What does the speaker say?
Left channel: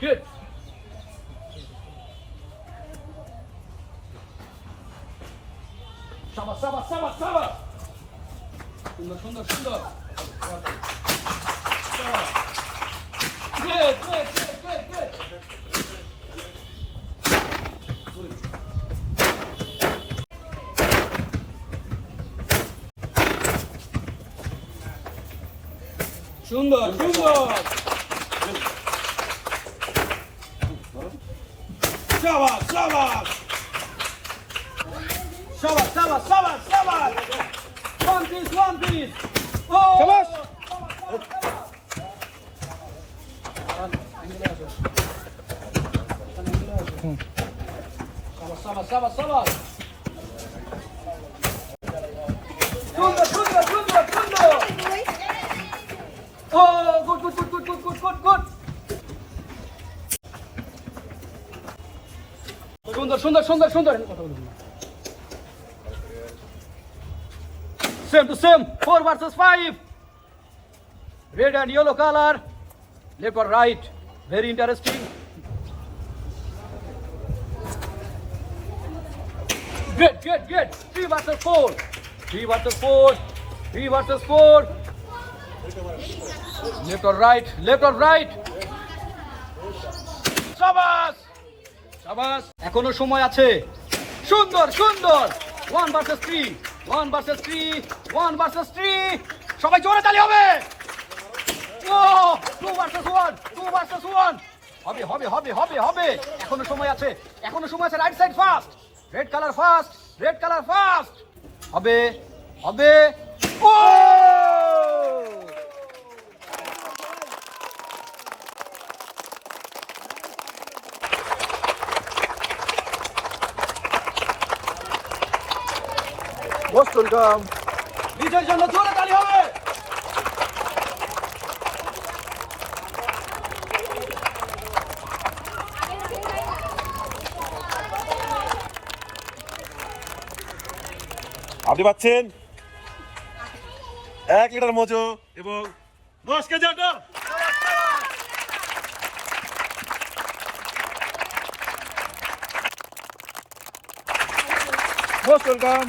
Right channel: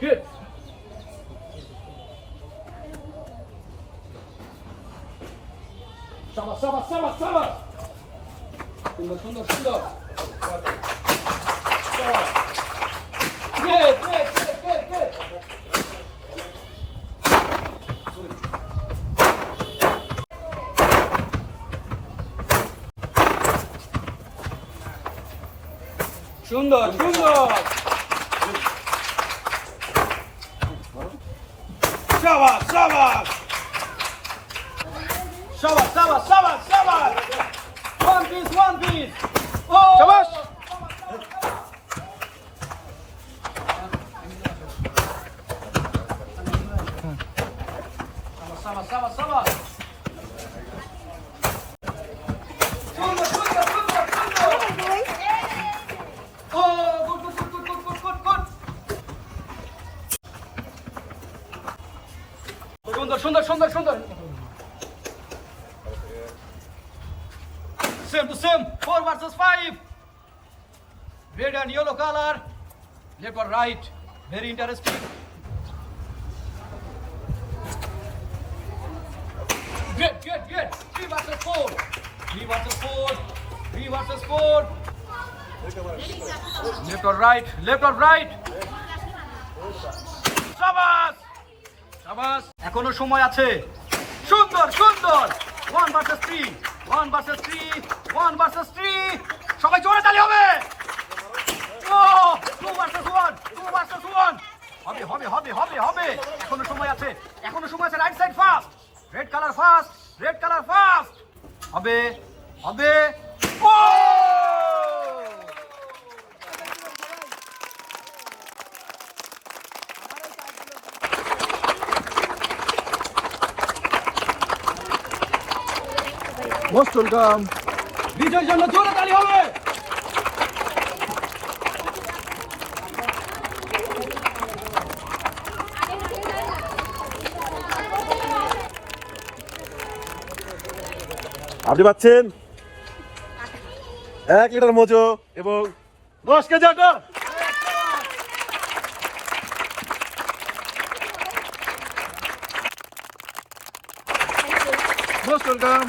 Good. Shabash. সুন্দর। Good. সুন্দর। Shabash. One piece. Oh! Shabash! Shabash. Sunder. Oh, good. সুন্দর। Same to same. 4 versus 5. Red and yellow color. Left or right. Very interesting. Good. 3 versus 4. Left or right. Shabash. এখনো সময় আছে। সুন্দর। 1 versus 3. সবাই জোরে তালি হবে। 2 versus 1. হবে। এখনো সময় আছে। Right side first. Red colour first. হবে। ও! Most welcome. বিজয়ের জন্য জোরে তালি হবে। আপনি পাচ্ছেন 1 লিটার মোজো এবং 10 কেজি আটা। Most welcome.